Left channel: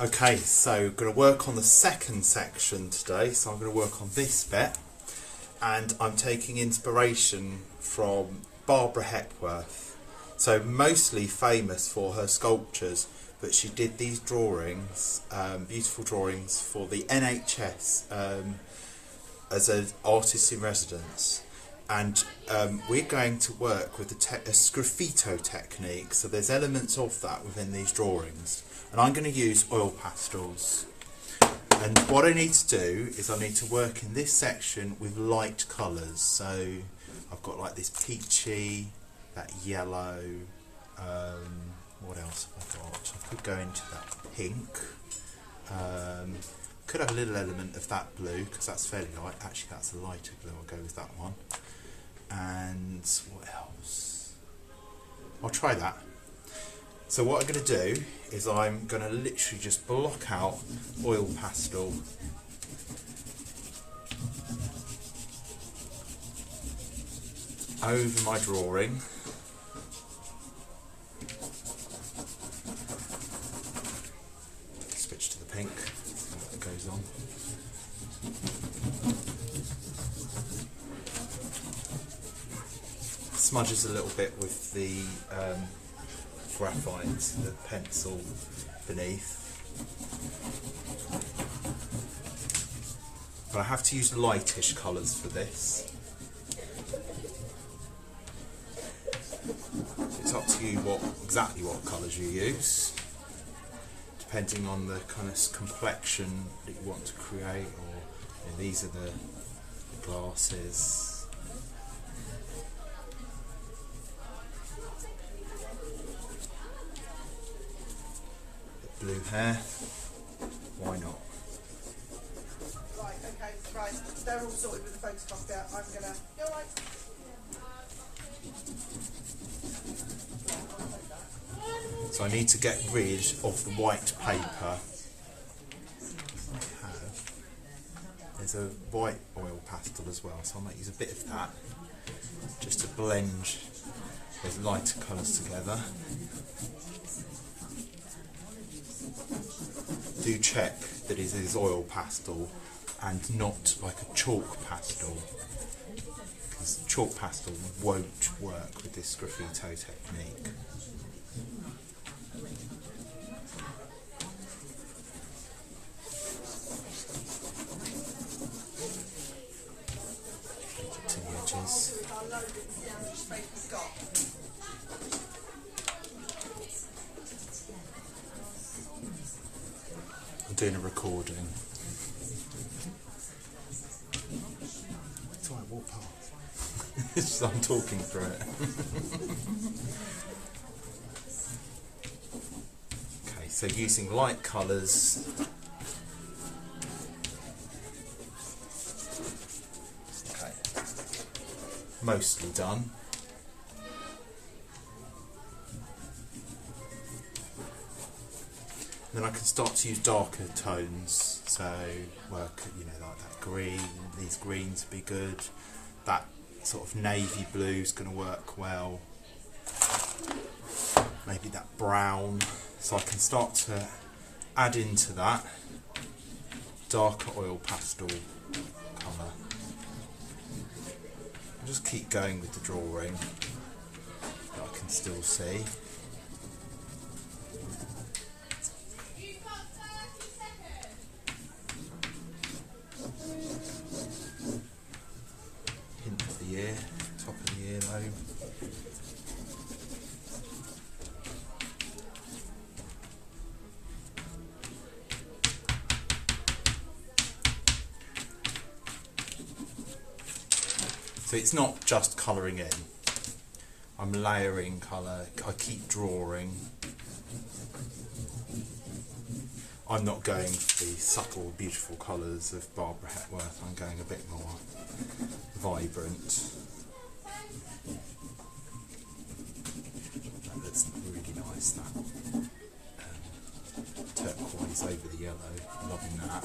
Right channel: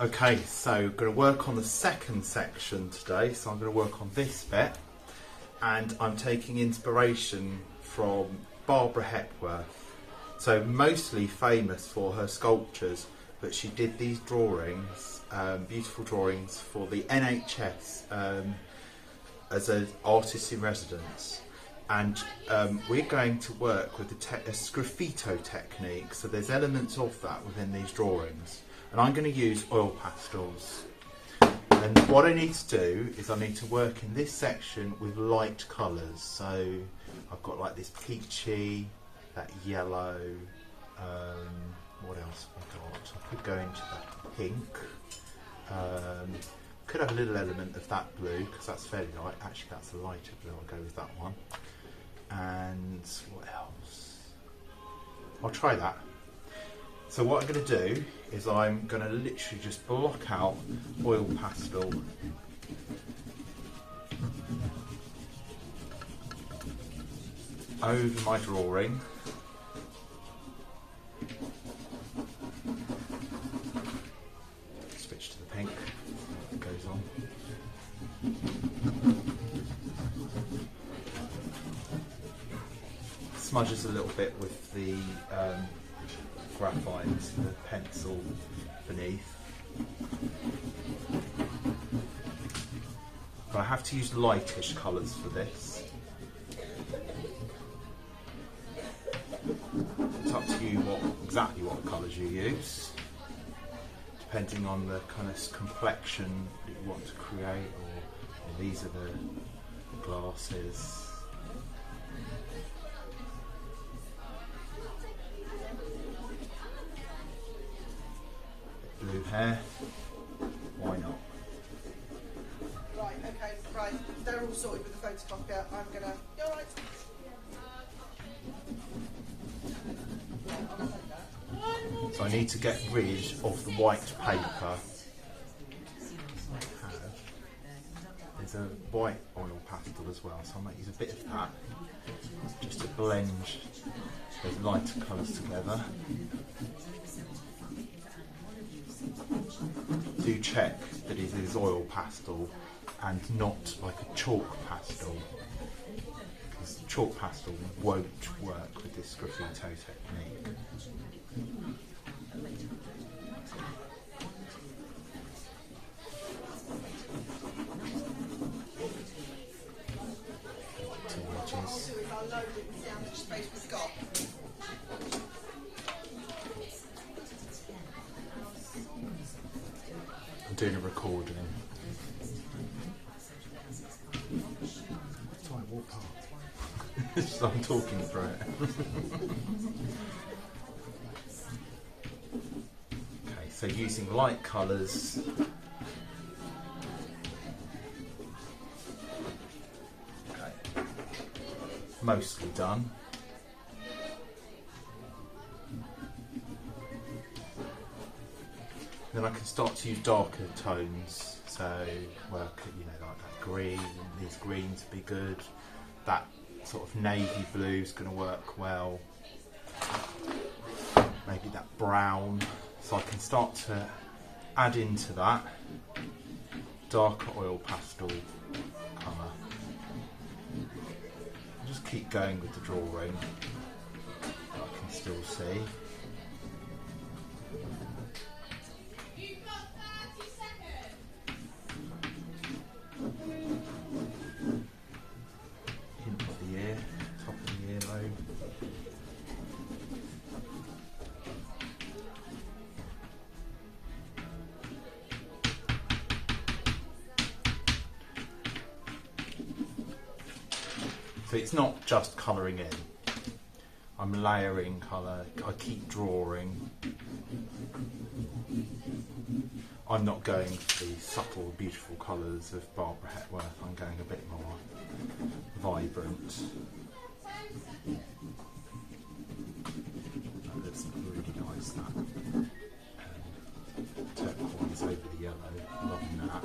Okay, so I'm going to work on the second section today. So I'm going to work on this bit, and I'm taking inspiration from Barbara Hepworth. So mostly famous for her sculptures, but she did these drawings, beautiful drawings for the NHS as an artist in residence. And we're going to work with a sgraffito technique, so there's elements of that within these drawings. And I'm going to use oil pastels. And what I need to do is I need to work in this section with light colours. So I've got like this peachy, that yellow, what else have I got? I could go into that pink. Could have a little element of that blue because that's fairly light. Actually, that's a lighter blue. I'll go with that one. And what else? I'll try that. So what I'm going to do is I'm going to literally just block out oil pastel over my drawing. Switch to the pink, see what goes on. Smudges a little bit with the graphite, the pencil beneath. But I have to use lightish colours for this. It's up to you exactly what colours you use, depending on the kind of complexion that you want to create. Or these are the glasses. Blue hair, why not? Right, okay, right, they're all sorted with the photocopy. I'm gonna, you alright? So I need to get rid of the white paper. There's a white oil pastel as well, so I might use a bit of that just to blend those lighter colours together. Do check that it is oil pastel and not like a chalk pastel, because chalk pastel won't work with this sgraffito technique. To the edges. I'm doing a recording. Don't walk past. So I'm talking through it. Okay, so using light colours. Okay, mostly done. Then I can start to use darker tones, so work, you know, like that green, these greens would be good, that sort of navy blue is going to work well, maybe that brown, so I can start to add into that darker oil pastel colour. Just keep going with the drawing, I can still see. So it's not just colouring in, I'm layering colour, I keep drawing. I'm not going for the subtle, beautiful colours of Barbara Hepworth, I'm going a bit more vibrant. That looks really nice, that turquoise over the yellow, loving that.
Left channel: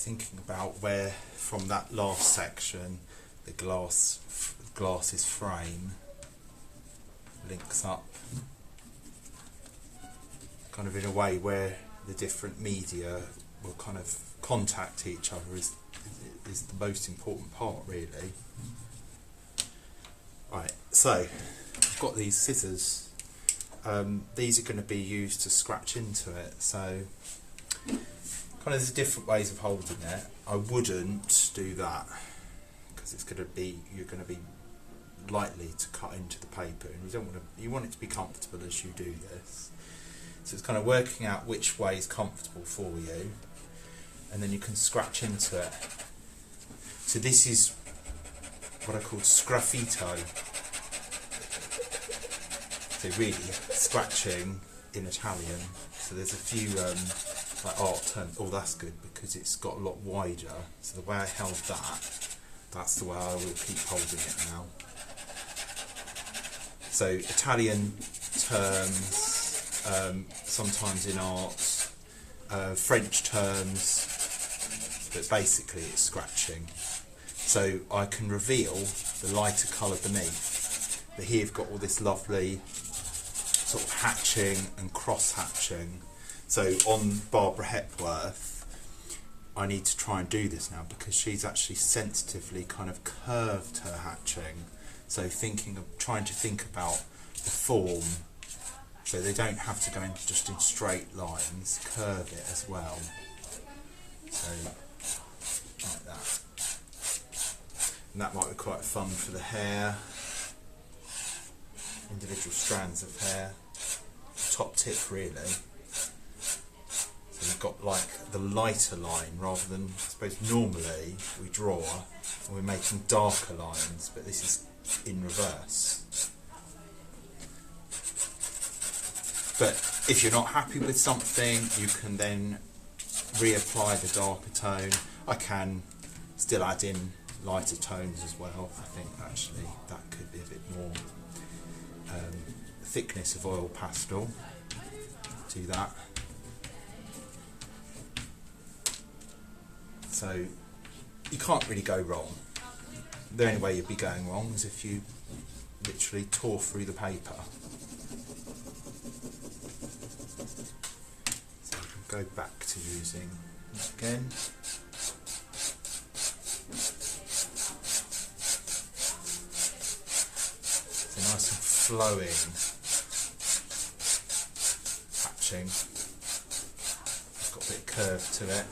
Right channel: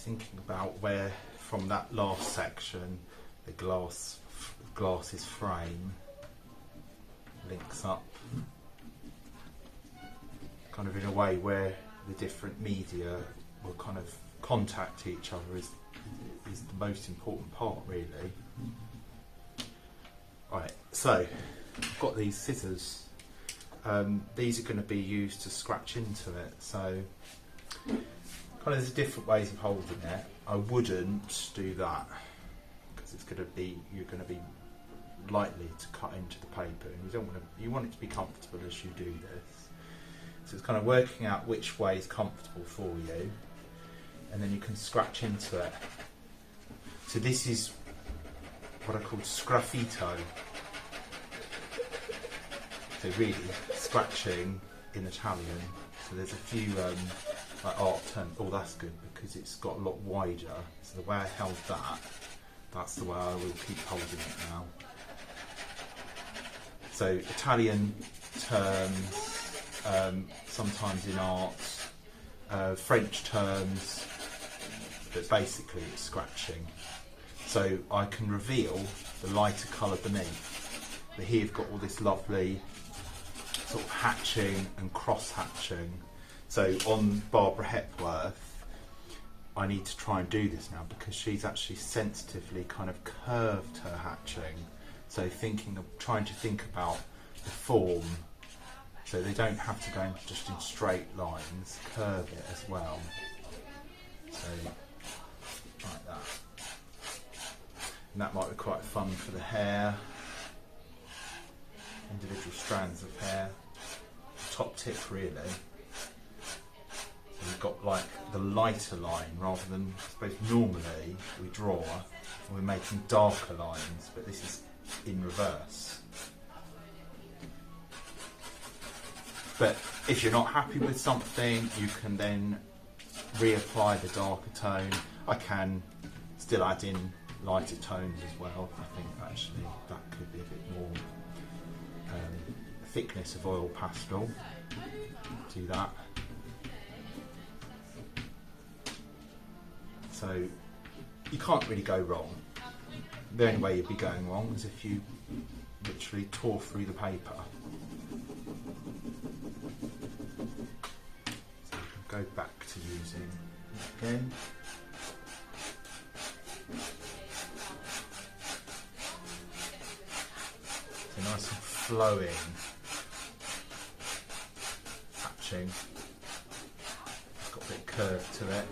thinking about where from that last section the glass's frame links up, kind of in a way where the different media will kind of contact each other is the most important part, really. Right, so I've got these scissors. These are going to be used to scratch into it, so kind of there's different ways of holding it. I wouldn't do that because it's going to be, you're going to be likely to cut into the paper, and you don't want to, you want it to be comfortable as you do this. So it's kind of working out which way is comfortable for you, and then you can scratch into it. So this is what I call scraffito. So really scratching in Italian. So there's a few like art terms. Oh, that's good because it's got a lot wider. So the way I held that, that's the way I will keep holding it now. So Italian terms, sometimes in art, French terms, but basically it's scratching. So I can reveal the lighter colour beneath, but here you've got all this lovely sort of hatching and cross hatching. So on Barbara Hepworth, I need to try and do this now because she's actually sensitively kind of curved her hatching. So trying to think about the form, so they don't have to go in just in straight lines, curve it as well. So like that. And that might be quite fun for the hair, individual strands of hair, top tip really. So we've got like the lighter line rather than, I suppose normally we draw and we're making darker lines, but this is in reverse. But if you're not happy with something, you can then reapply the darker tone. I can still add in lighter tones as well. I think actually that could be a bit more thickness of oil pastel. Do that. So you can't really go wrong. The only way you'd be going wrong is if you literally tore through the paper. So you can go back to using it again. So nice and flowing hatching. It's got a bit of curve to it.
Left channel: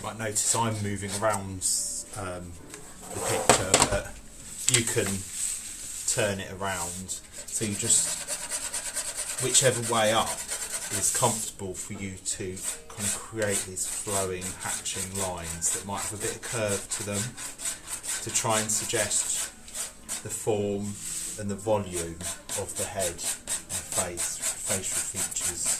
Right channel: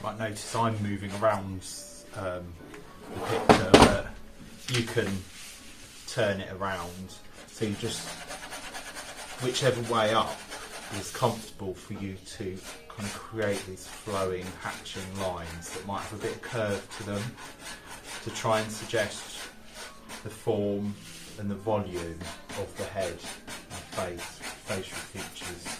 You might notice I'm moving around the picture, but you can turn it around, so you just, whichever way up is comfortable for you to kind of create these flowing hatching lines that might have a bit of curve to them to try and suggest the form and the volume of the head and face, facial features.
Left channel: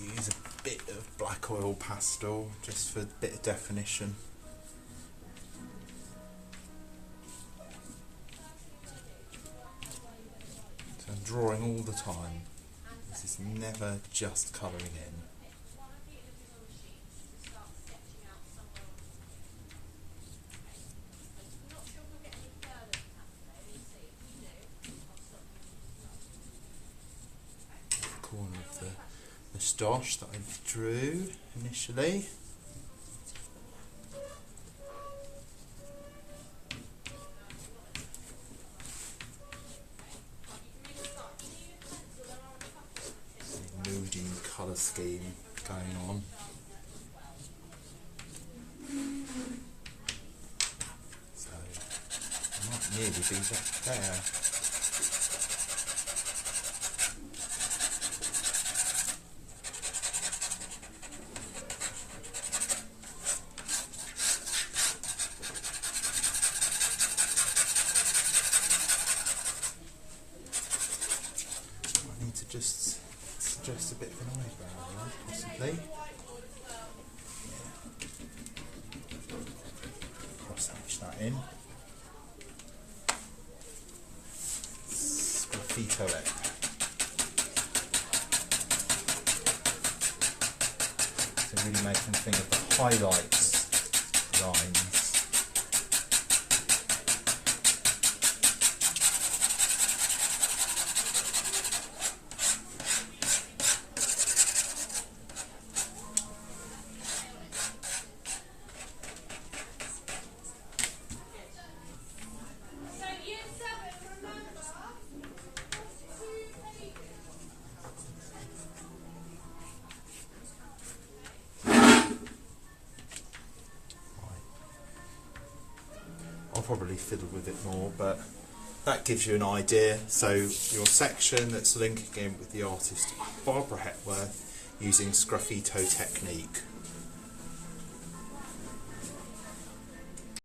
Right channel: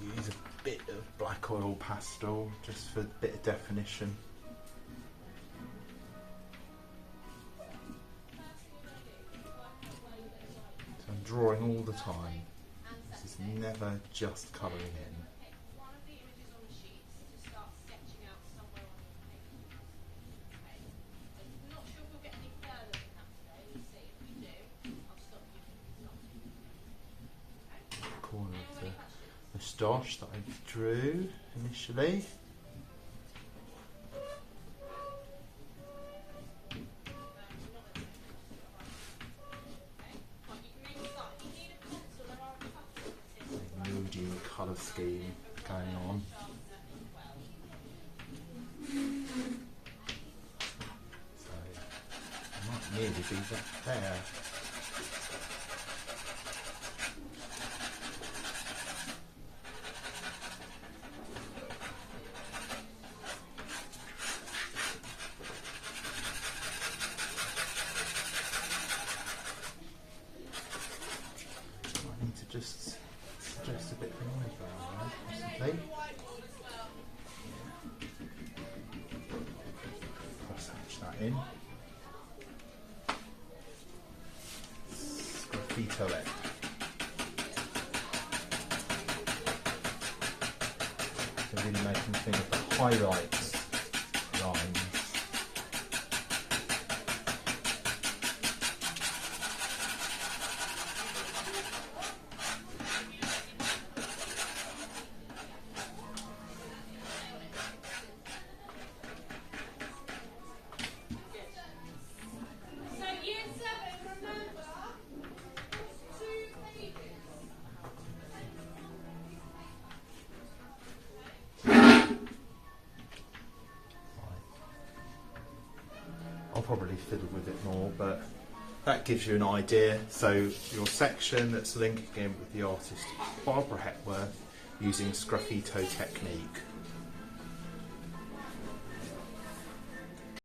Use a bit of black oil pastel just for a bit of definition. So I'm drawing all the time. This is never just colouring in. Corner of the moustache that I drew initially. Moody colour scheme going on. So I might nearly be back there. To just suggest a bit of an eyebrow there, possibly. Cross hatch that in. Graffito it. So really making think of the highlights lines. I'll probably fiddle with it more, but that gives you an idea. So your section that's linking in with the artist Barbara Hepworth using Sgraffito technique.